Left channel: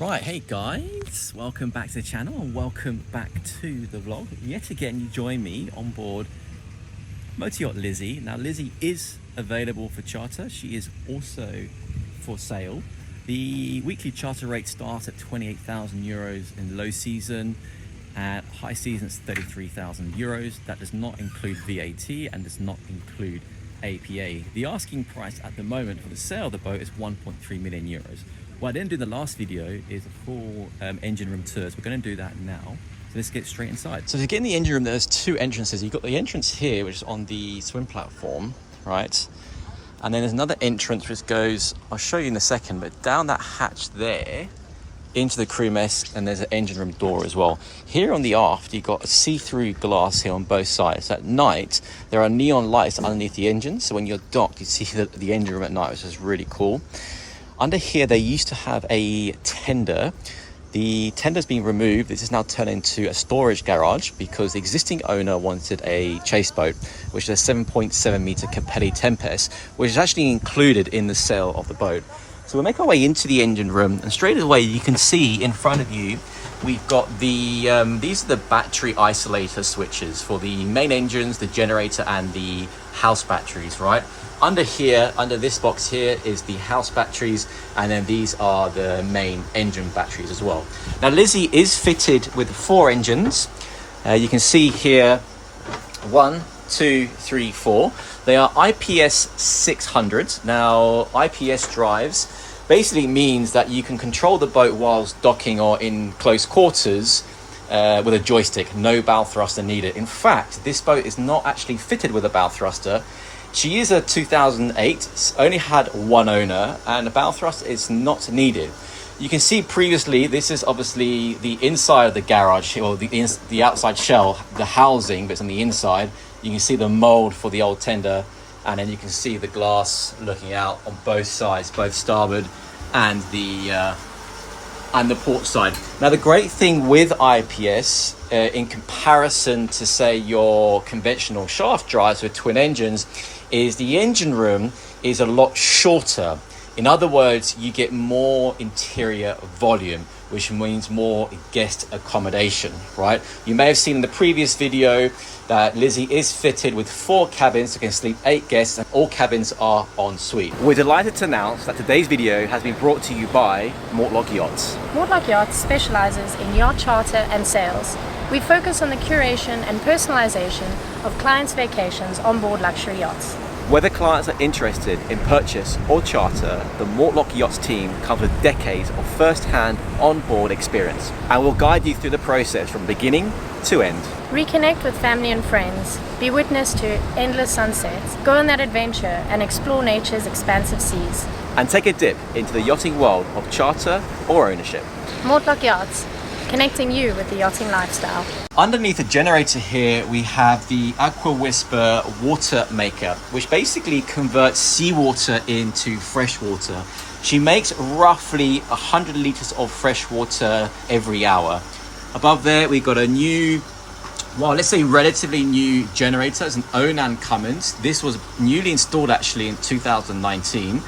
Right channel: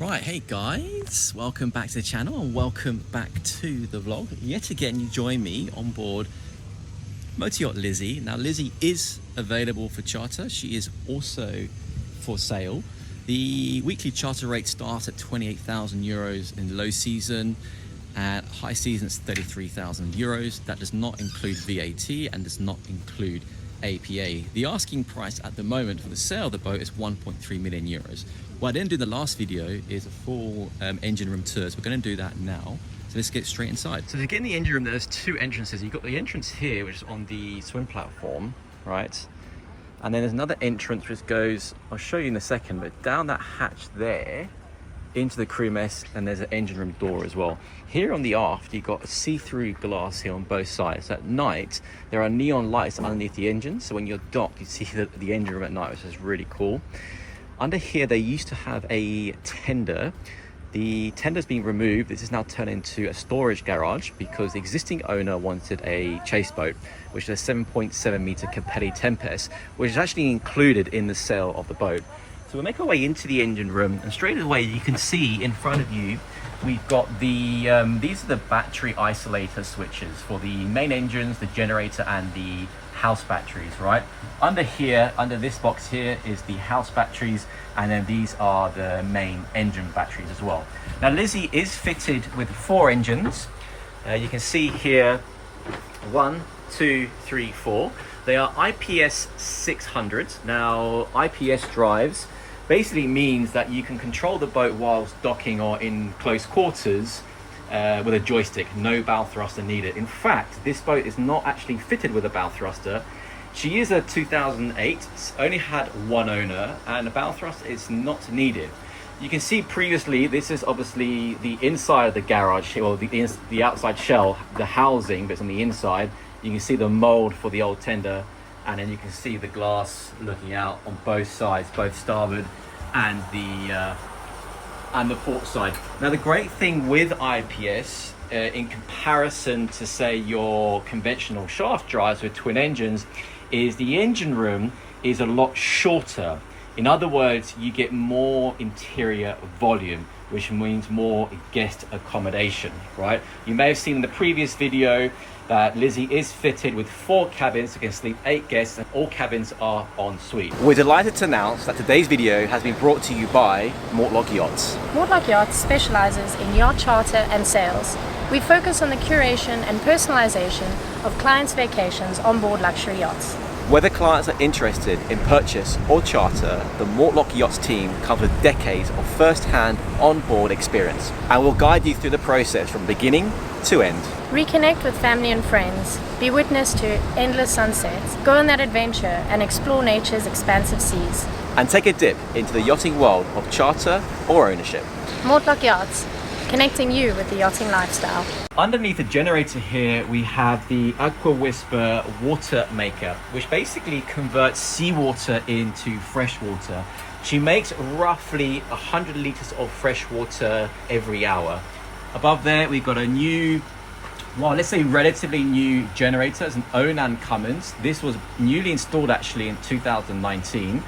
Right, hey guys, welcome back to the channel and welcome back to the vlog. Yet again, you join me on board Motor Yacht Lizzie. Now, Lizzie is available for charter. She is also for sale. The weekly charter rate starts at 28,000 euros in low season. At high season, it's 33,000 euros. That does not include VAT and does not include APA. The asking price at the moment for the sale of the boat is 1.3 million euros. What I didn't do in the last video is a full engine room tour, so we're going to do that now. So let's get straight inside. So to get in the engine room, there's two entrances. You've got the entrance here, which is on the swim platform, right? And then there's another entrance which goes, I'll show you in a second, but down that hatch there into the crew mess, and there's an engine room door as well. Here on the aft, you've got a see-through glass here on both sides. At night, there are neon lights underneath the engine, so when you're docked, you see the engine room at night, which is really cool. Under here, they used to have a tender. The tender's been removed. This is now turned into a storage garage because the existing owner wanted a chase boat, which is a 7.7 meter Capelli Tempest, which is actually included in the sale of the boat. So we'll make our way into the engine room, and straight away you can see in front of you, we've got the, these are the battery isolator switches for the main engines, the generator and the house batteries, right? Under here, under this box here is the house batteries, and then these are the main engine batteries as well. Now Lizzie is fitted with 4 engines. You can see here, 1, 2, 3, 4. They are IPS 600. Now IPS drives basically means that you can control the boat whilst docking or in close quarters with a joystick. No bow thruster needed. In fact, this boat is not actually fitted with a bow thruster. She is a 2008, only had one owner, and a bow thruster is not needed. You can see previously, this is obviously the inside of the garage, or the outside shell, the housing that's on the inside. You can see the mold for the old tender, and then you can see the glass looking out on both sides, both starboard and the port side. Now the great thing with IPS, in comparison to say your conventional shaft drives with twin engines, is the engine room is a lot shorter. In other words, you get more interior volume, which means more guest accommodation, right? You may have seen in the previous video that Lizzie is fitted with 4 cabins that can sleep 8 guests, and all cabins are en suite. We're delighted to announce that today's video has been brought to you by Mortlock Yachts. Mortlock Yachts specializes in yacht charter and sales. We focus on the curation and personalization of clients' vacations on board luxury yachts. Whether clients are interested in purchase or charter, the Mortlock Yachts team comes with decades of first-hand on-board experience and will guide you through the process from beginning to end. Reconnect with family and friends, be witness to endless sunsets, go on that adventure and explore nature's expansive seas. And take a dip into the yachting world of charter or ownership. Mortlock Yachts, connecting you with the yachting lifestyle. Underneath the generator here, we have the Aqua Whisper water maker, which basically converts seawater into fresh water. She makes roughly 100 liters of fresh water every hour. Above there, we've got a new, well, let's say relatively new generator. It's an Onan Cummins. This was newly installed actually in 2019.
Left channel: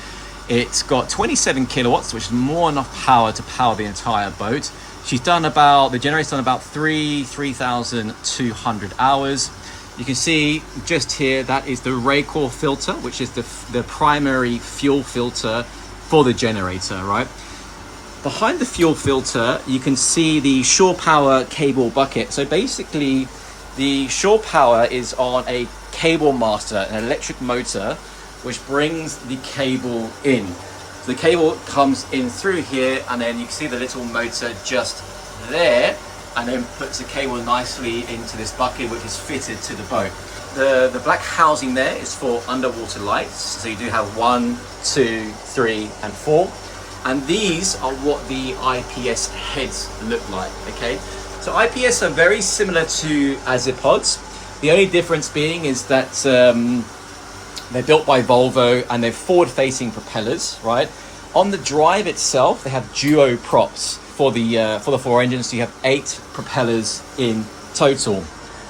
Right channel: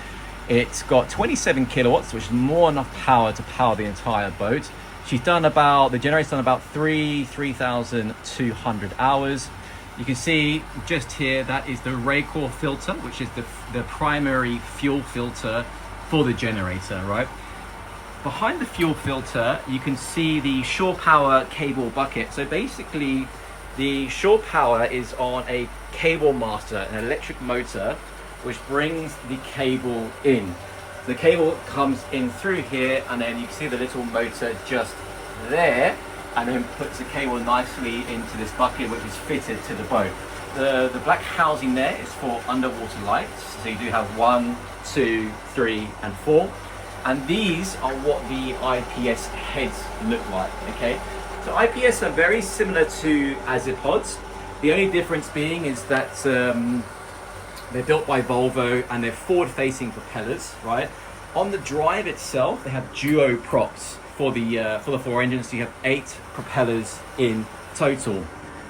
It's got 27 kilowatts, which is more than enough power to power the entire boat. She's done about, the generator's done about 3,200 hours. You can see just here, that is the Raycor filter, which is the primary fuel filter for the generator, right? Behind the fuel filter, you can see the shore power cable bucket. So basically, the shore power is on a cable master, an electric motor, which brings the cable in. So the cable comes in through here, and then you can see the little motor just there, and then puts the cable nicely into this bucket, which is fitted to the boat. The black housing there is for underwater lights. So you do have 1, 2, 3, and 4. And these are what the IPS heads look like, okay? So IPS are very similar to Azipods. The only difference being is that they're built by Volvo and they're forward-facing propellers, right? On the drive itself, they have duo props for the 4 engines. So you have 8 propellers in total.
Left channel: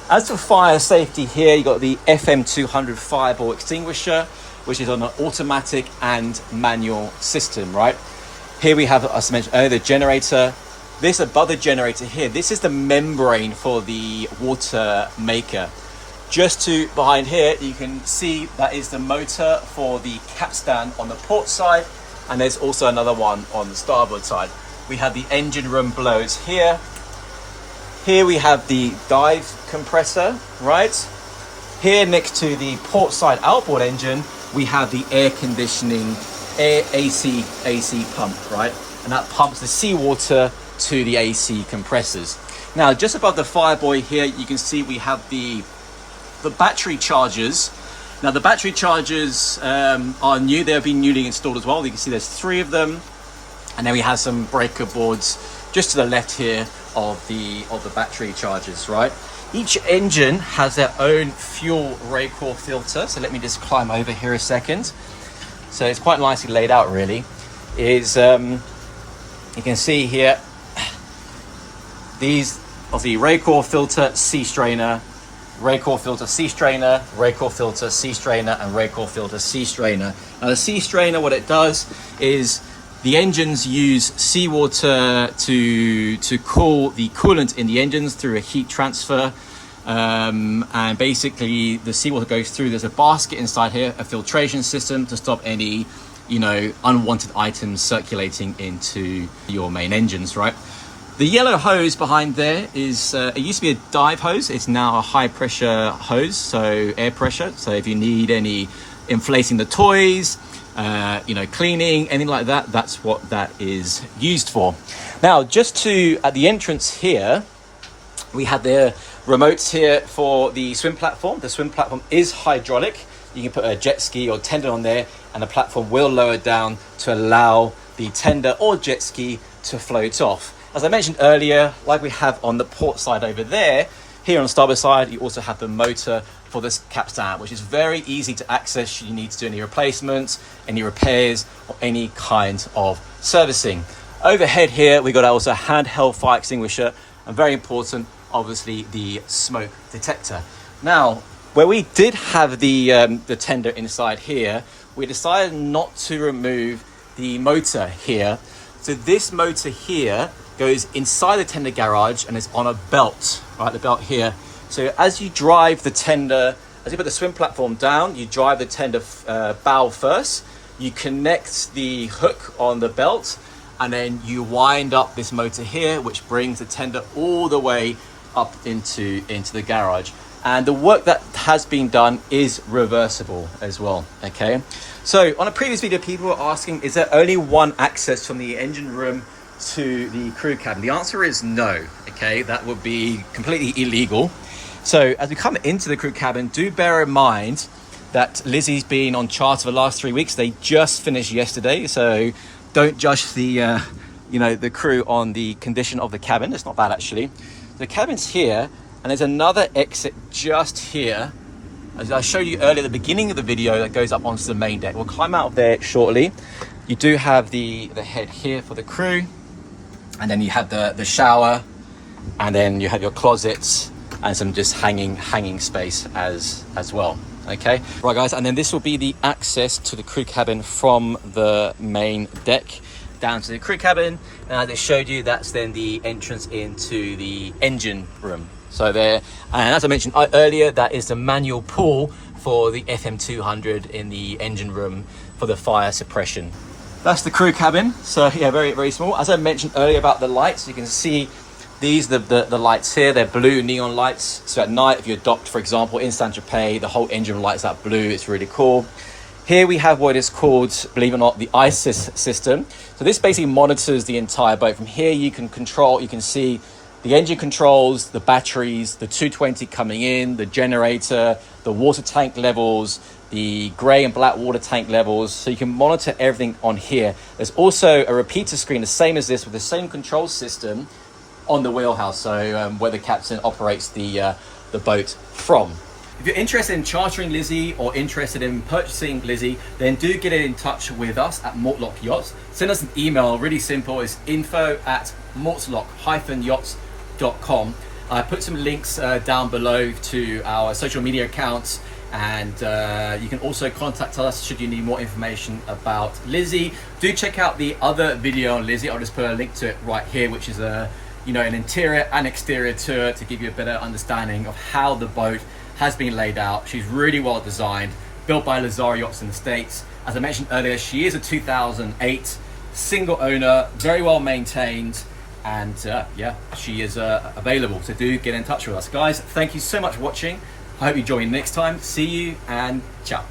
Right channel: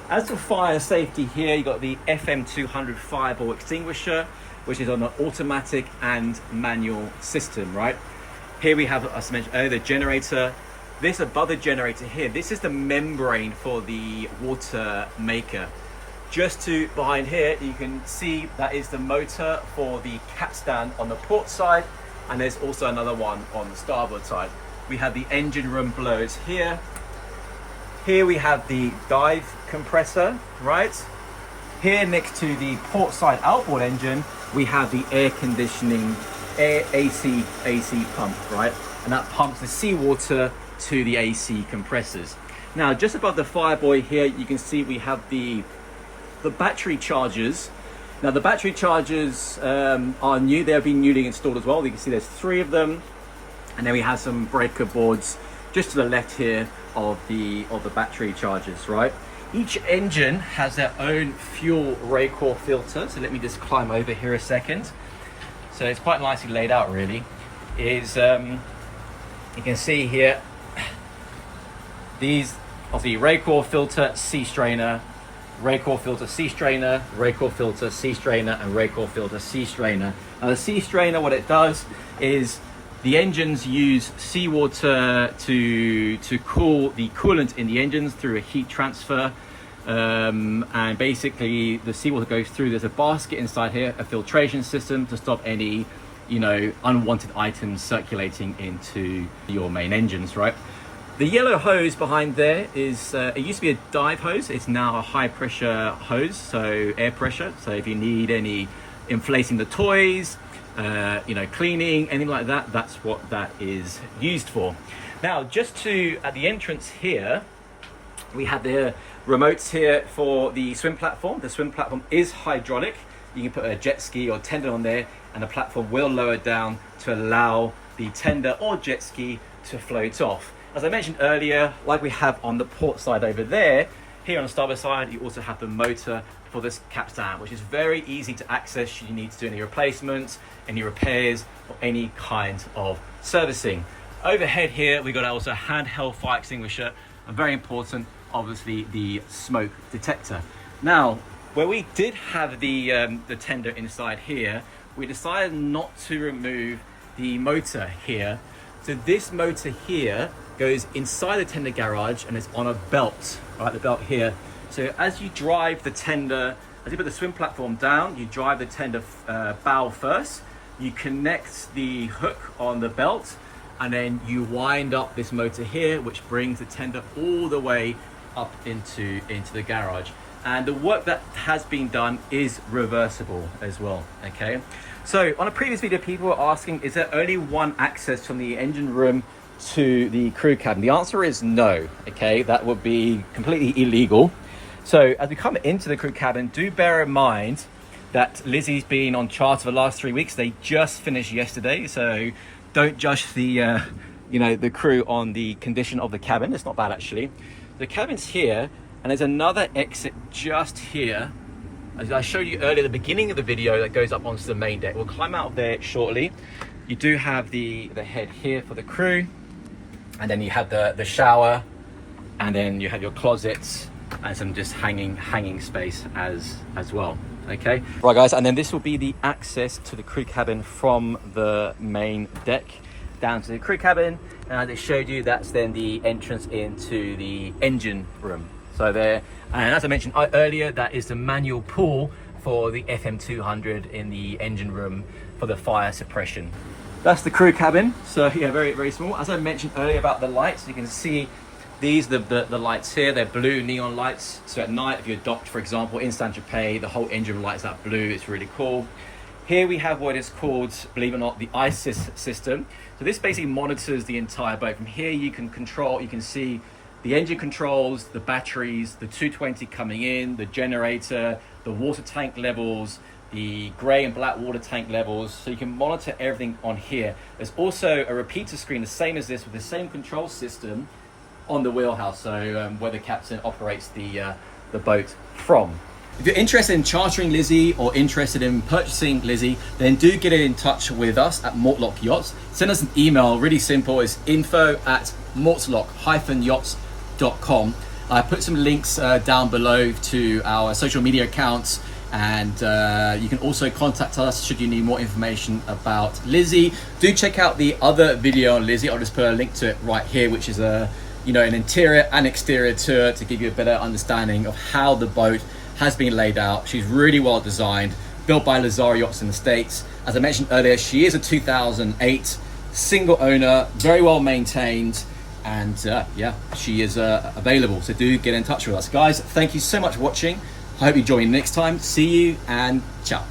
As for fire safety here, you got the FM200 fireball extinguisher, which is on an automatic and manual system, right? Here we have, as I mentioned earlier, the generator. This above the generator here, this is the membrane for the water maker. Just to behind here, you can see that is the motor for the capstan on the port side, and there's also another one on the starboard side. We have the engine room below us here. Here we have the dive compressor, right? Here next to the port side outboard engine, we have the air conditioning, AC pump, right? And that pumps the seawater to the AC compressors. Now, just above the fireboy here, you can see we have the battery chargers. Now, the battery chargers are new. They have been newly installed as well. You can see there's 3 of them. And then we have some breaker boards just to the left here of the battery chargers, right? Each engine has their own fuel Raycor filter. So let me just climb over here a second. So it's quite nicely laid out, really. You can see here, these of the Raycor filter, sea strainer, Raycor filter, sea strainer, Raycor filter, sea strainer, and Raycor filter, sea strainer. Now the sea strainer, what it does is the engines use seawater to cool the coolant in the engines through a heat transfer. And basically the seawater goes through, there's a basket inside here, a filtration system to stop any, unwanted items circulating into your main engines, right? The yellow hose behind there is, it used to be a dive hose. It's now a high pressure hose, so air pressure. So if you need any inflating the toys, cleaning, anything like that, that's what that is used for. Now, at the entrance here, we have the remotes here for the swim platform. The swim platform is hydraulic. You can put a jet ski or tender on there, and the platform will lower down to allow the tender or jet ski to float off. As I mentioned earlier, like we have on the port side over there, here on the starboard side, you also have the motor for this capstan, which is very easy to access should you need to do any replacements, any repairs, or any kind of servicing. Overhead here, we got also a handheld fire extinguisher, and very important, obviously, the smoke detector. Now, where we did have the tender inside here, we decided not to remove the motor here. So this motor here goes inside the tender garage and is on a belt, right? The belt here. So as you drive the tender, as you put the swim platform down, you drive the tender bow first, you connect the hook on the belt, and then you wind up this motor here, which brings the tender all the way up into the garage. And the work that has been done is reversible as well, okay? So on a previous video, people were asking, is there only one access from the engine room to the crew cabin? The answer is no, okay? That would be completely illegal. So as we come into the crew cabin, do bear in mind that Lizzie's been on charter for the last 3 weeks. They just finished yesterday, so don't judge the the crew on the condition of the cabin. It's not bad, actually. The cabin's here, and there's another exit just here, as I showed you earlier at the beginning of the video, that goes up onto the main deck. We'll climb out of there shortly. You do have the head here for the crew, and then you have the shower, and then you have your closets and some just hanging space as well. Okay, right guys, and then this will be the access to the crew cabin from the main deck down to the crew cabin, and as I showed you, that's then the entrance into the engine room. So there, and as I mentioned earlier, that is the manual pull for the FM200 in the engine room for the fire suppression. That's the crew cabin. So yeah, very, very small. As I mentioned earlier about the lights, you can see these, the lights here, they're blue neon lights. So at night, if you're docked, for example, in Saint-Tropez, the whole engine room lights up blue. It's really cool. Here we have what is called, believe it or not, the ISIS system. So this basically monitors the entire boat. From here, you can see the engine controls, the batteries, the 220 coming in, the generator, the water tank levels, the grey and black water tank levels. So you can monitor everything on here. There's also a repeater screen, the same as this, with the same control system on the wheelhouse. So where the captain operates the boat from. If you're interested in chartering Lizzie or interested in purchasing Lizzie, then do get in touch with us at Mortlock Yachts. Send us an email, really simple. It's info@mortlock-yachts.com. I put some links down below to our social media accounts And you can also contact us should you need more information about Lizzie. Do check out the other video on Lizzie. I'll just put a link to it right here, which is an interior and exterior tour to give you a better understanding of how the boat has been laid out. She's really well designed, built by Lazaro Yachts in the States. As I mentioned earlier, she is a 2008 single owner, very well maintained, and yeah, she is available. So do get in touch with us. Guys, thank you so much for watching. I hope you join me next time. See you and ciao.